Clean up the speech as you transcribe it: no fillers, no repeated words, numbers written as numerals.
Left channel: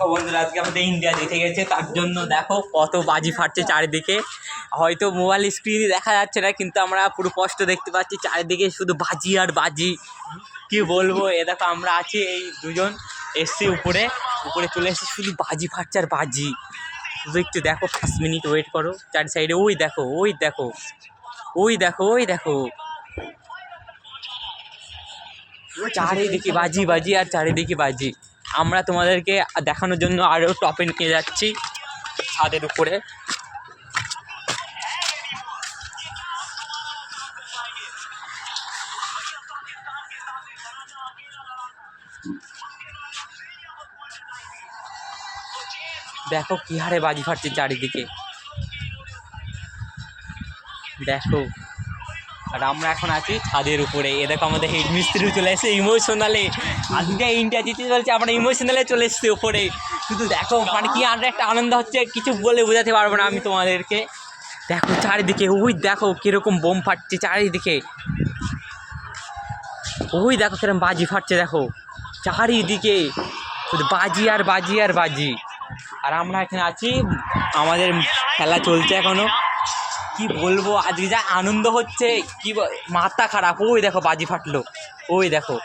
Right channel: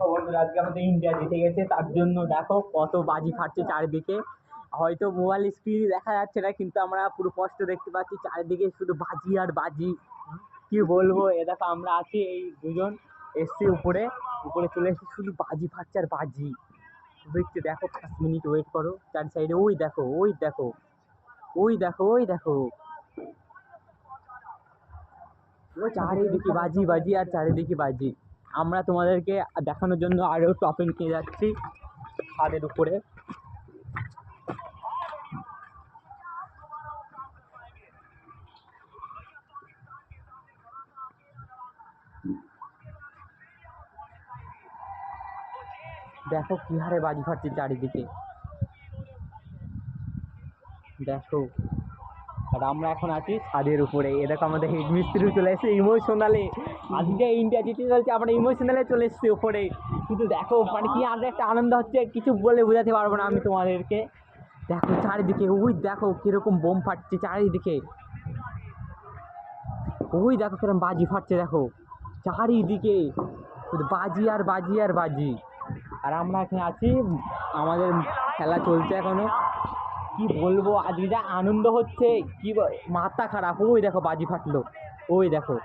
দেখো বন্ধুরা, আজকে আমাদের ইন্ডিয়া জিতে গেছে, তার জন্য দেখো কত বাজি ফাটছে চারিদিকে। হয়তো মোবাইল স্ক্রিনে দেখা যাচ্ছে না, কিন্তু আমরা পুরো স্পষ্ট দেখতে পাচ্ছি চারিদিকে শুধু বাজি আর বাজি। কি বলবো, এ দেখো আমরা আছি, এই দুজন এসছি উপরে চলে এসেছি, শুধু বাজি ফাটছে আর বাজি। শুধু একটু দেখো, 5 মিনিট ওয়েট করো। চারি সাইডে ওই দেখো, ওই দেখো, ওই দেখো, ওই দেখো, চারিদিকে বাজি বাজি আর চারিদিকে বাজি। আমরা তোমাদেরকে দেখানোর জন্য আরও টপে নিয়ে যাচ্ছি ছাদের উপরে। দেখো কি হারে বাজি ফাটছে চারিদিকে, দেখো। আর আমরা এখন আছি ছাদের উপরে। এ দেখো আমাদের হেড মিস্ত্রিও চলে এসেছে ইমোশনালে। আজকে ইন্ডিয়া জিতে চলছে, আমরা ইমোশনালে চলে এসেছি উপরে। শুধু দেখো মানে কি আর একটা আনন্দ হচ্ছে, কিছু বলে বোঝাতে পারবো না আমি তোমাদেরকে। দেখো চারিদিকে, ওই দেখো কীরকম বোম ফাটছে চারিদিকে, ওই দেখো কিরকম বাজি ফাটছে, দেখো চারিদিকে শুধু বাজি আর বাজি আর বাজি। আর আমরা এখানে আছি, আমাদের খেলা চলছে এখনো। কি বলবো, আজকে যা আনন্দ হচ্ছে, কি মাথা খারাপ। ওই দেখো বাজি ফাটলো, ওই দেখো।